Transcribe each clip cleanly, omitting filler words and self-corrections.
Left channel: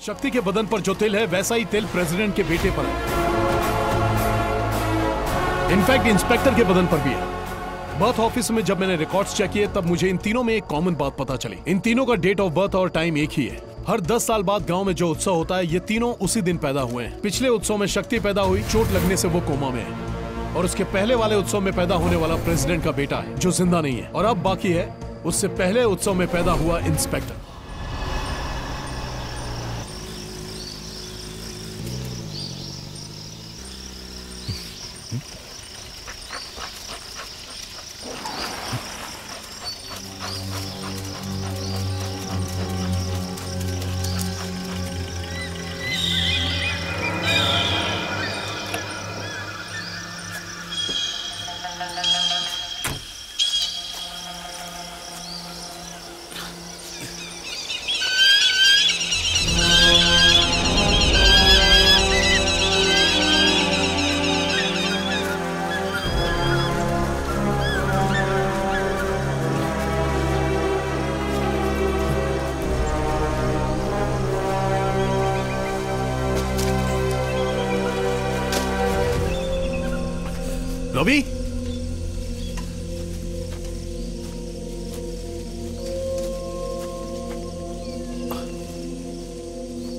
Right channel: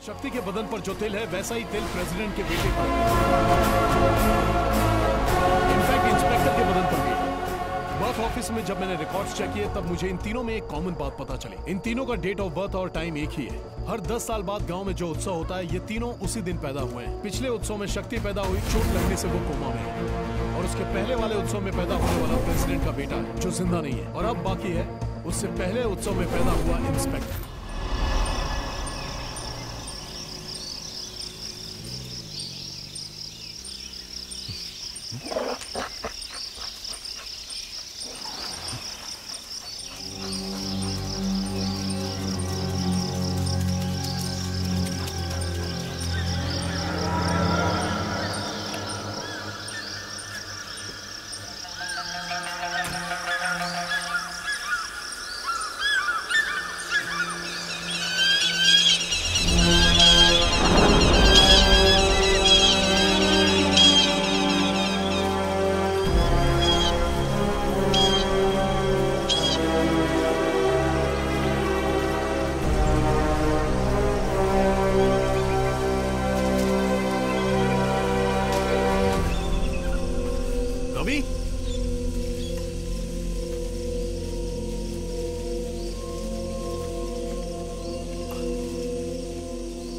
शक्ति के बदन पर जो तिल है वैसा ही तिल प्रेसिडेंट के बेटे पर है। इनफैक्ट इंस्पेक्टर के बदन पर भी है। बर्थ ऑफिस में जब मैंने रिकॉर्ड्स चेक किए तब मुझे इन तीनों में एक कॉमन बात पता चली। इन तीनों का डेट ऑफ बर्थ और टाइम एक ही है। हर 10 साल बाद गांव में जो उत्सव होता है ये तीनों उसी दिन पैदा हुए हैं। पिछले उत्सव में शक्ति पैदा हुई, चोट लगने से वो कोमा में है। और उसके पहले वाले उत्सव में पैदा होने वाला प्रेसिडेंट का बेटा है जो जिंदा नहीं है। और अब बाकी है उससे पहले उत्सव में पैदा हुआ इंस्पेक्टर। रवि,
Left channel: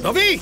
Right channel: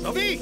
रवि,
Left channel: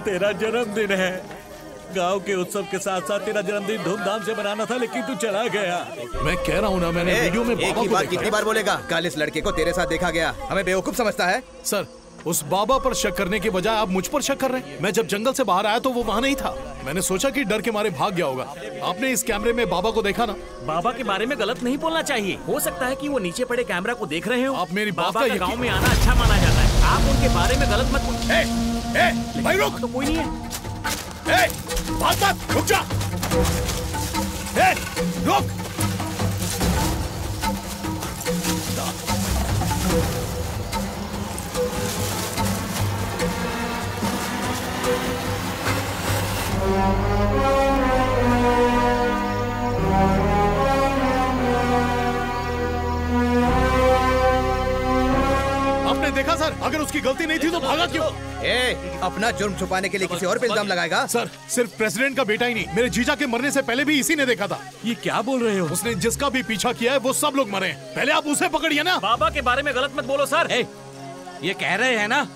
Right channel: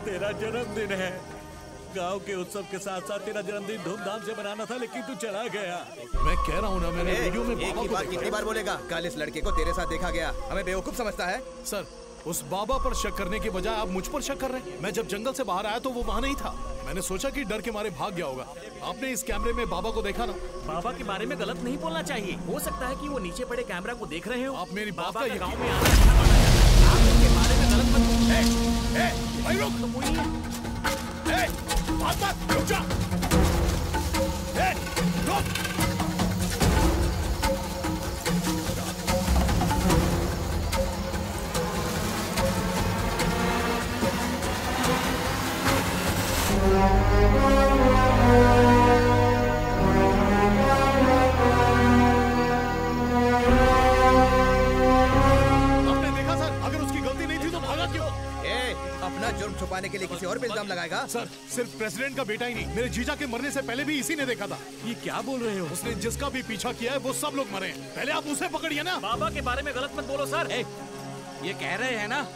तेरा जन्मदिन है। गांव के उत्सव के साथ साथ तेरा जन्मदिन धूमधाम से मनाना था, लेकिन तू चला गया। मैं कह रहा हूँ ना, मैंने वीडियो में बाबा को देखा। कितनी बार बोलेगा? कल इस लड़के को तेरे साथ देखा गया। हमें बेवकूफ समझता है? सर, उस बाबा पर शक करने के बजाय आप मुझ पर शक कर रहे हैं। मैं जब जंगल से बाहर आया तो वो वहाँ नहीं था। मैंने सोचा कि डर के मारे भाग गया होगा। आपने इस कैमरे में बाबा को देखा ना? बाबा के बारे में गलत नहीं बोलना चाहिए। हो सकता है कि वो नीचे पड़े कैमरा को देख रहे हो। आप मेरी बात का गाँव में आना अच्छा माना जाता है। आप उनके बारे में गलत मत बोलिए। भाई रुक, तो कोई नहीं है। बात मत, रुक जा। रुक। आपने देखा सर, अगर उसकी गलती नहीं थी तो भागा क्यों? अपना जुर्म छुपाने के लिए किसी और पे इल्जाम लगाएगा? सर, सिर्फ प्रेसिडेंट का बेटा ही नहीं, मेरे जीजा के मरने से पहले भी इसी ने देखा था। ये क्या बोल रहे हो? उसने जिसका भी पीछा किया है वो सब लोग मरे हैं। पहले आप उसे पकड़िए ना। बाबा के बारे में गलत मत बोलो सर। ये कह रहे हैं ना,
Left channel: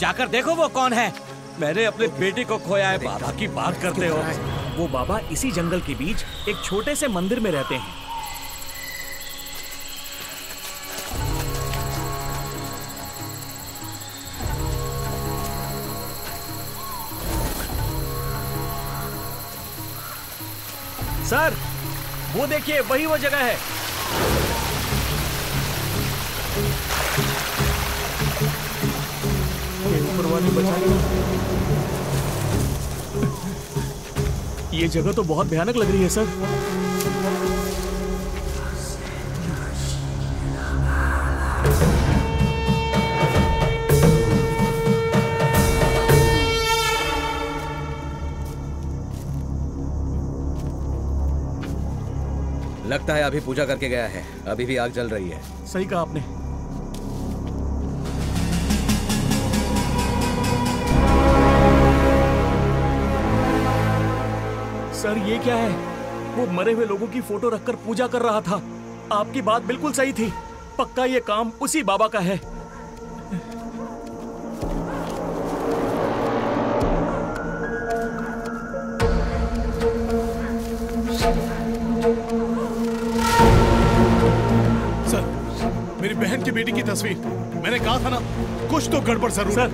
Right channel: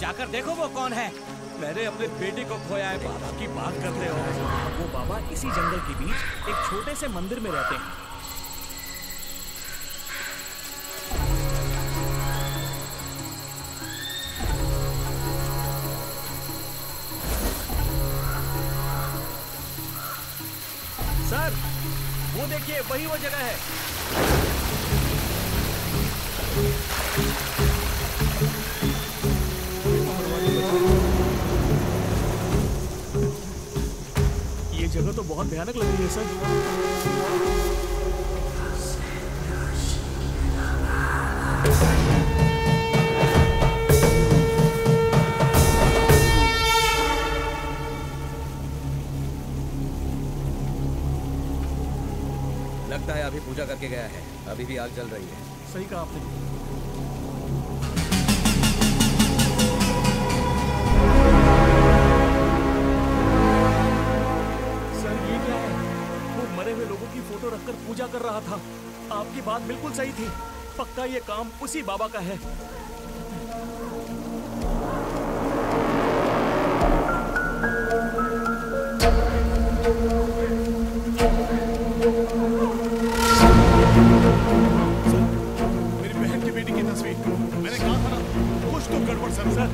जाकर देखो वो कौन है। मैंने अपने बेटे को खोया है। बाबा की बात करते हो? वो बाबा इसी जंगल के बीच एक छोटे से मंदिर में रहते हैं। सर, वो देखिए, वही वो जगह है। ये जगह तो बहुत भयानक लग रही है सर। लगता है अभी पूजा करके गया है। अभी भी आग जल रही है। सही कहा आपने। सर, ये क्या है? वो मरे हुए लोगों की फोटो रखकर पूजा कर रहा था। आपकी बात बिल्कुल सही थी। पक्का ये काम उसी बाबा का है। सर, मेरी बहन की बेटी की तस्वीर। मैंने कहा था ना, कुछ तो गड़बड़ जरूर। सर,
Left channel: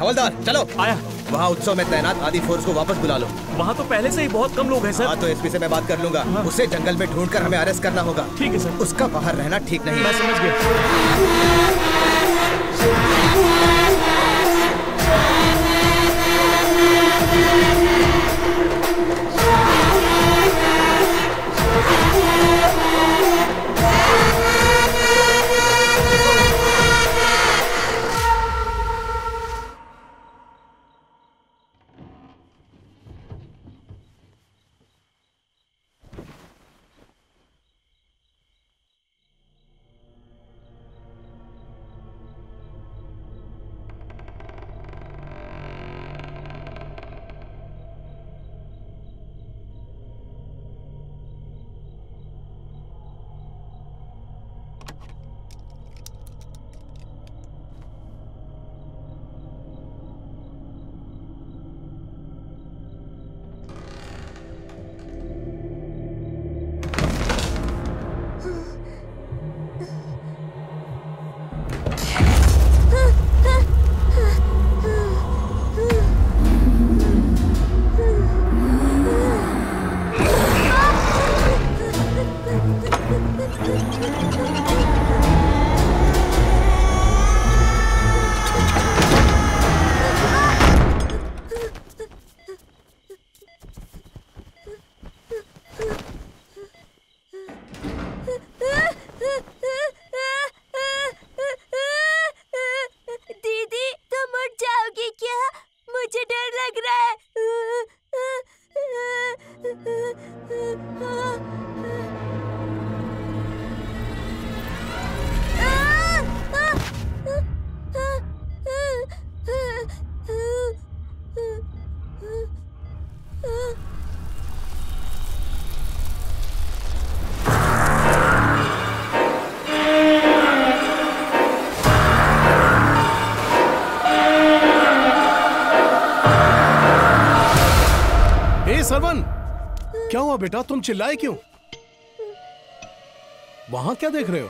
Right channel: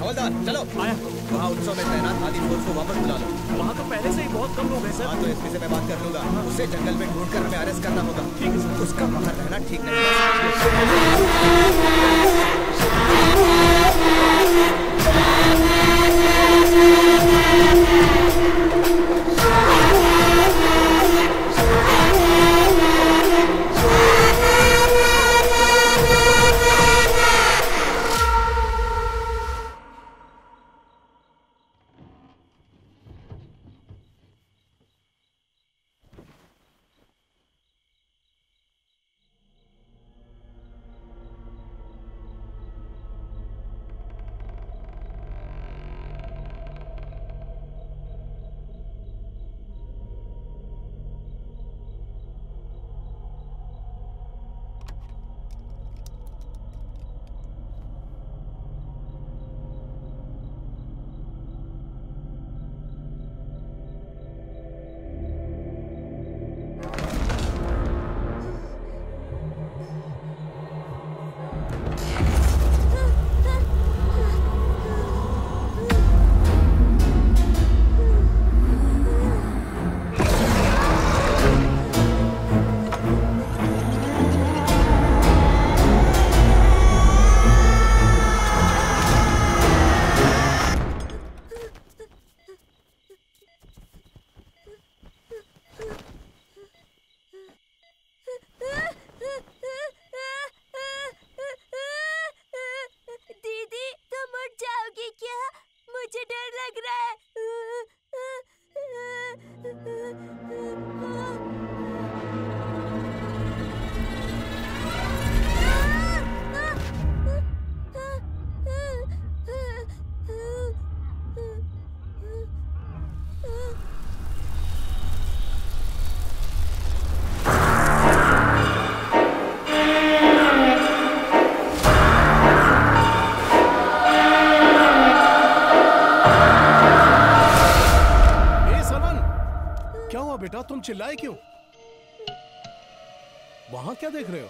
हवलदार चलो। आया। वहाँ उत्सव में तैनात आदि फोर्स को वापस बुला लो। वहाँ तो पहले से ही बहुत कम लोग हैं सर। हाँ तो एसपी से मैं बात कर लूंगा। उसे जंगल में ढूंढकर हमें अरेस्ट करना होगा। ठीक है सर। उसका बाहर रहना ठीक नहीं। मैं समझ गया। क्या हुआ बेटा, तुम चिल्लाए क्यों? वहां क्या देख रहे हो?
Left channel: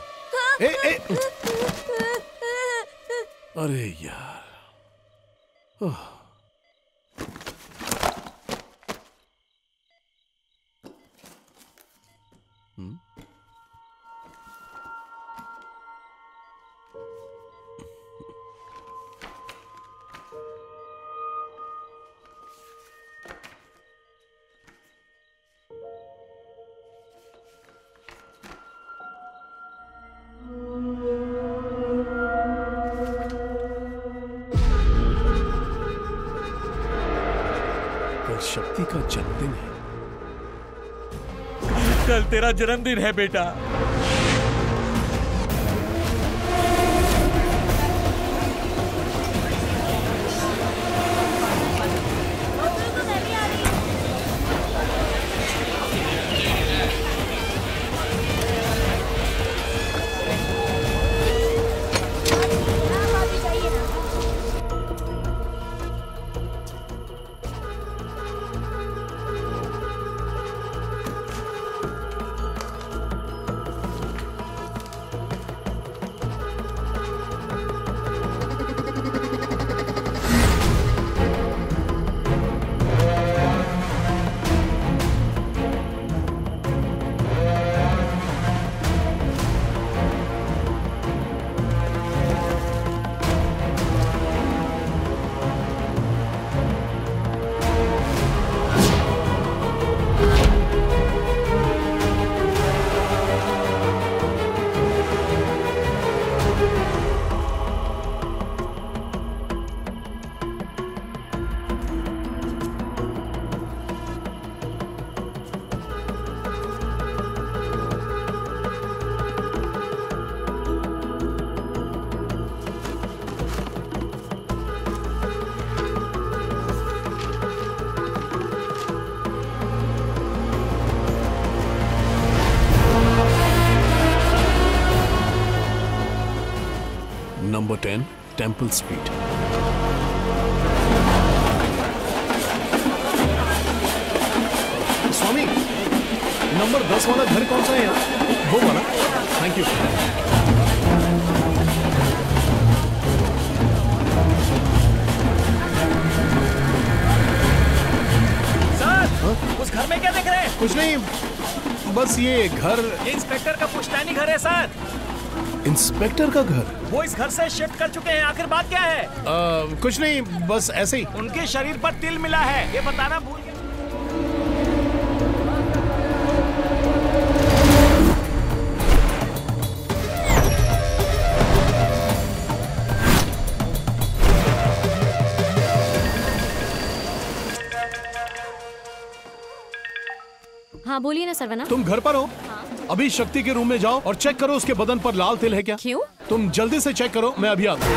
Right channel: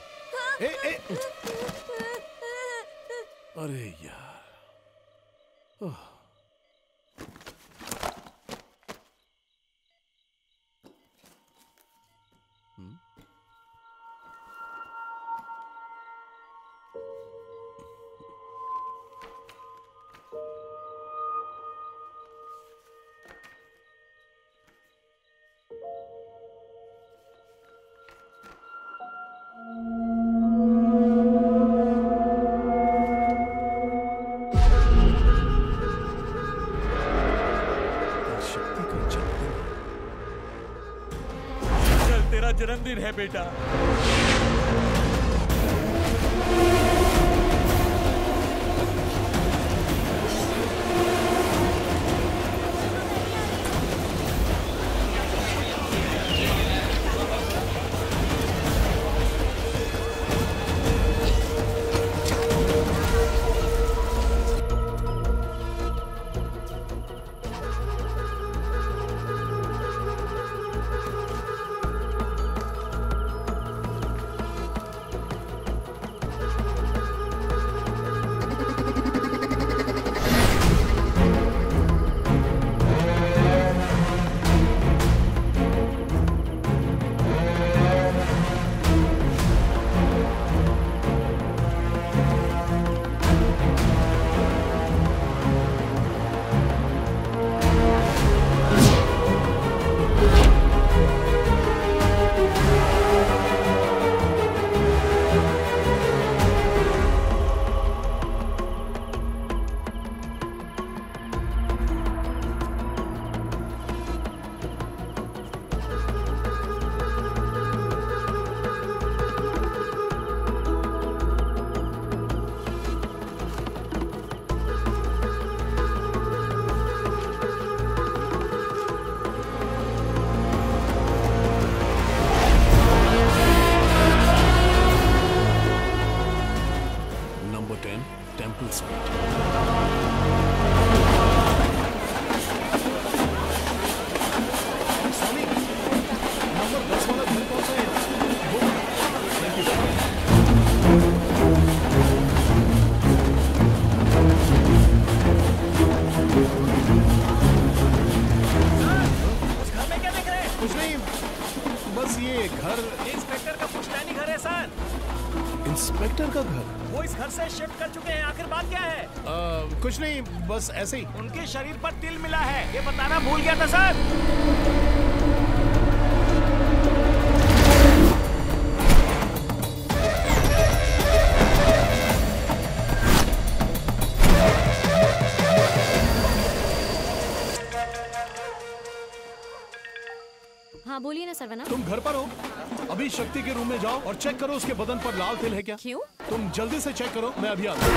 अरे यार। शक्ति का जन्मदिन है। कल तेरा जन्मदिन है बेटा। Number 10 temple street. स्वामी, नंबर 10 वाला घर कौन सा है यहाँ? वो वाला। Thank you. ये क्या देख रहे हैं? कुछ नहीं, बस ये घर। इंस्पेक्टर का पुश्तैनी घर है सर। इंस्पेक्टर का घर? वो इस घर से शिफ्ट कर चुके हैं। आखिर बात क्या है? कुछ नहीं, बस ऐसे ही। उनके शरीर पर तिल मिला है, ये बताना भूल गया था सर। हाँ बोलिए ना सरवना। तुम घर पर हो? अभी शक्ति के रूम में जाओ और चेक करो उसके बदन पर लाल तिल है क्या। क्यों? तुम जल्दी से चेक करो, मैं अभी आता हूँ।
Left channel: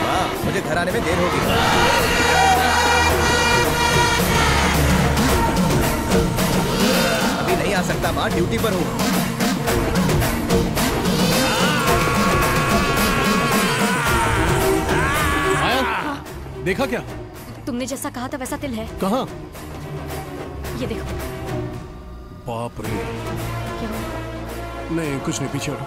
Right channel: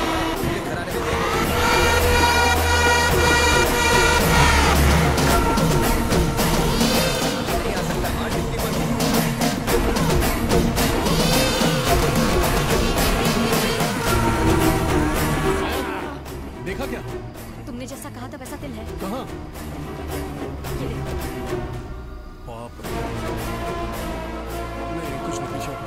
हाँ, मुझे घर आने में देर होगी। अभी नहीं आ सकता माँ, ड्यूटी पर हूँ। देखा क्या? तुमने जैसा कहा था वैसा तिल है। कहाँ? ये देखो। बाप रे। नहीं कुछ नहीं, पीछे हटो।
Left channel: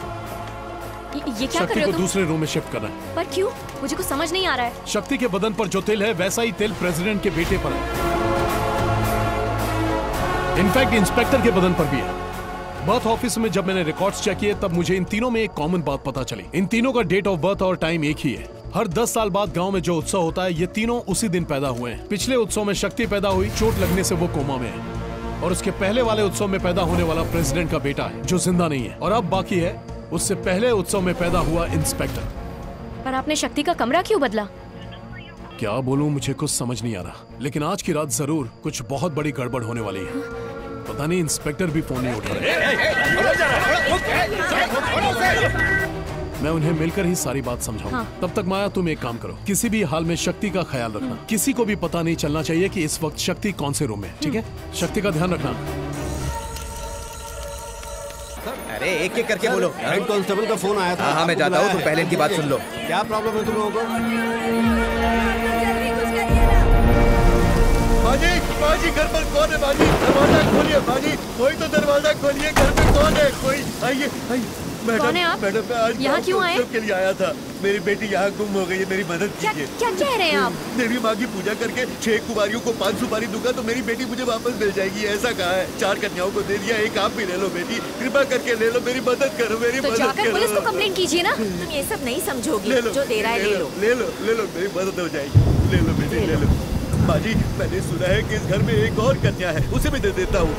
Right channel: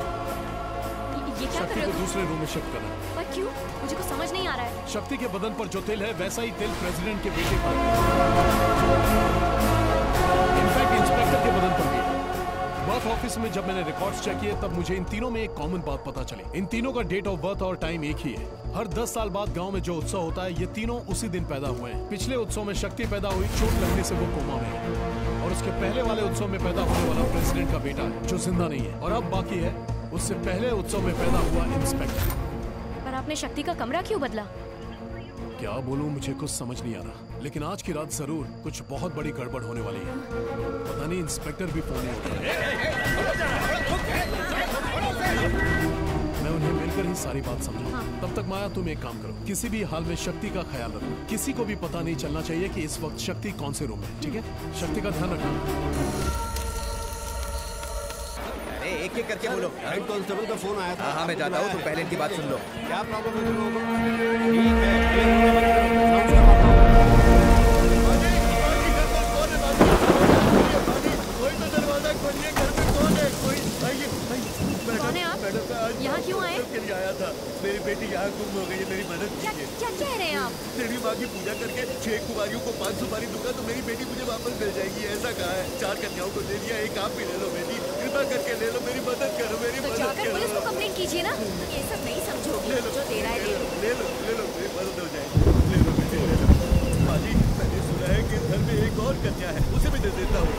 ये क्या कर शक्ति रहे हो को तुम? दूसरे रूम में शिफ्ट करना है। पर क्यों? मुझे कुछ समझ नहीं आ रहा है। शक्ति के बदन पर जो तिल है वैसा ही तिल प्रेसिडेंट के बेटे पर है। इनफैक्ट इंस्पेक्टर के बदन पर भी है। बर्थ ऑफिस में जब मैंने रिकॉर्ड्स चेक किए तब मुझे इन तीनों में एक कॉमन बात पता चली। इन तीनों का डेट ऑफ बर्थ और टाइम एक ही है। हर 10 साल बाद गांव में जो उत्सव होता है, ये तीनों उसी दिन पैदा हुए हैं। पिछले उत्सव में शक्ति पैदा हुई, चोट लगने से वो कोमा में है। और उसके पहले वाले उत्सव में पैदा होने वाला प्रेसिडेंट का बेटा है जो जिंदा नहीं है। और अब बाकी है उससे पहले उत्सव में पैदा हुआ इंस्पेक्टर। पर आपने शक्ति का कमरा क्यों बदला? क्या बोलूं, मुझे कुछ समझ नहीं आ रहा। लेकिन आज की रात जरूर कुछ बहुत बड़ी गड़बड़ होने वाली है। पता नहीं इंस्पेक्टर भी फोन नहीं उठा रहे। मैं उन्हें मिलकर ही सारी बात समझाऊंगा। हाँ। तब तक माया तुम एक काम करो, किसी भी हाल में शक्ति का ख्याल रखना। किसी को भी पता नहीं चलना चाहिए कि इस वक्त शक्ति कौन से रूम में है, ठीक है? शक्ति का ध्यान रखना। अरे एक एक करके बोलो। हेड कांस्टेबल का फोन आया था। हाँ मैं जाता हूँ, तुम पहले इनकी बात सुन लो। क्या प्रॉब्लम है तुम लोगों को? बाजी, बाजी घर पर कौन है? बाजी दरवाजा खोलिए। बाजी कोई तो दरवाजा खोलिए, घर में कौन है? कोई आइए, आइए। कौन है आप? मैडम मैं आज यहाँ क्यों आए? के लिए आया था। मेरी बेटी यहाँ गुम हो गई है, मेरी मदद क्या कीजिए। क्या कह रहे हैं आप? देवी माँ की पूजा करके 6 कुमारियों को 5 सुपारी दूंगा तो मेरी बेटी मुझे वापस मिल जाएगी, ऐसा कहा है। 4 कन्याओं को दे दिया, एक आप भी ले लो बेटी, कृपा करके ले लो, मेरी मदद करो, मेरी तो मदद जाकर करो। पुलिस को कंप्लेंट कीजिए ना। तुम ये सब नहीं समझोगी। ले लो, जो दे रहा है ले लो। ले लो, ले लो, मेरी मदद हो जाएगी। ले लो बेटी, ले लो। बाजी मैंने सुना है कि इस घर में एक और कन्या है, उसे भी दे देता हूँ।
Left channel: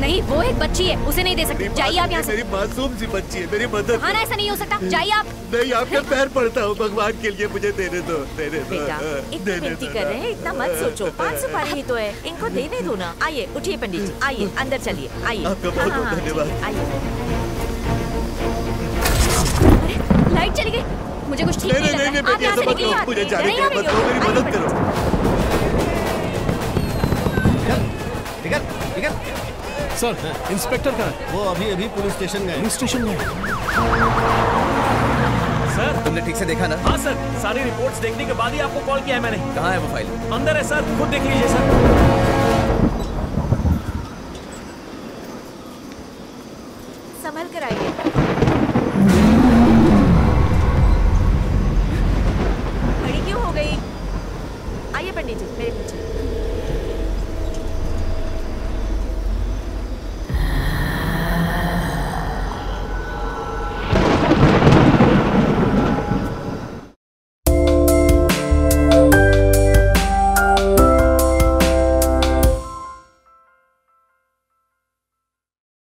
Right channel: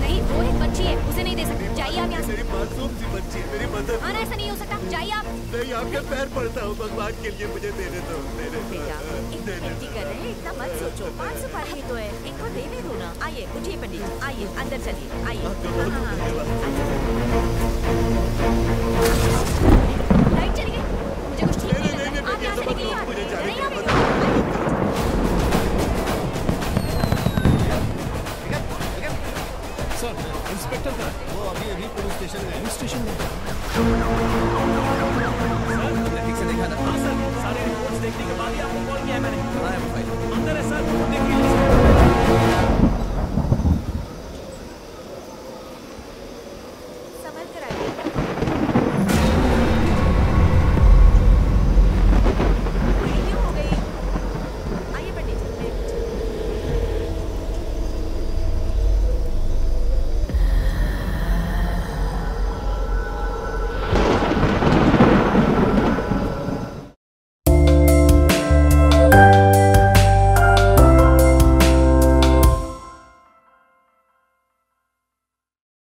नहीं, वो एक बच्ची है, उसे नहीं दे सकते। जाइए आप यहाँ से। मेरी मासूम सी बच्ची है, मेरी मदद। हाँ ना, ऐसा नहीं हो सकता। जाइए आप। नहीं, आपके पैर पड़ता हूँ, भगवान के लिए मुझे देने दो, देने दो। बेटा इतनी विनती कर रहे हैं, इतना मत सोचो। 5 सुपारी ही तो है, इनको देने दो ना। आइए उठिए पंडित जी, आइए अंदर चलिए, आइए। आपका बहुत बहुत धन्यवाद। लाइट चली गई, मुझे कुछ ठीक नहीं लग रहा। आप यहाँ से निकलिए। मुझे जाने नहीं, की आप मत करो, मेरी आइए, मदद करो। सर, इंस्पेक्टर कहाँ है? वो अभी अभी पुलिस स्टेशन गए। पुलिस स्टेशन में। सर तुमने ठीक से देखा ना? हाँ सर, सारी रिपोर्ट्स देखने के बाद ही आपको कॉल किया है मैंने। कहाँ है वो फाइल? अंदर है सर, खुद देख लीजिए सर।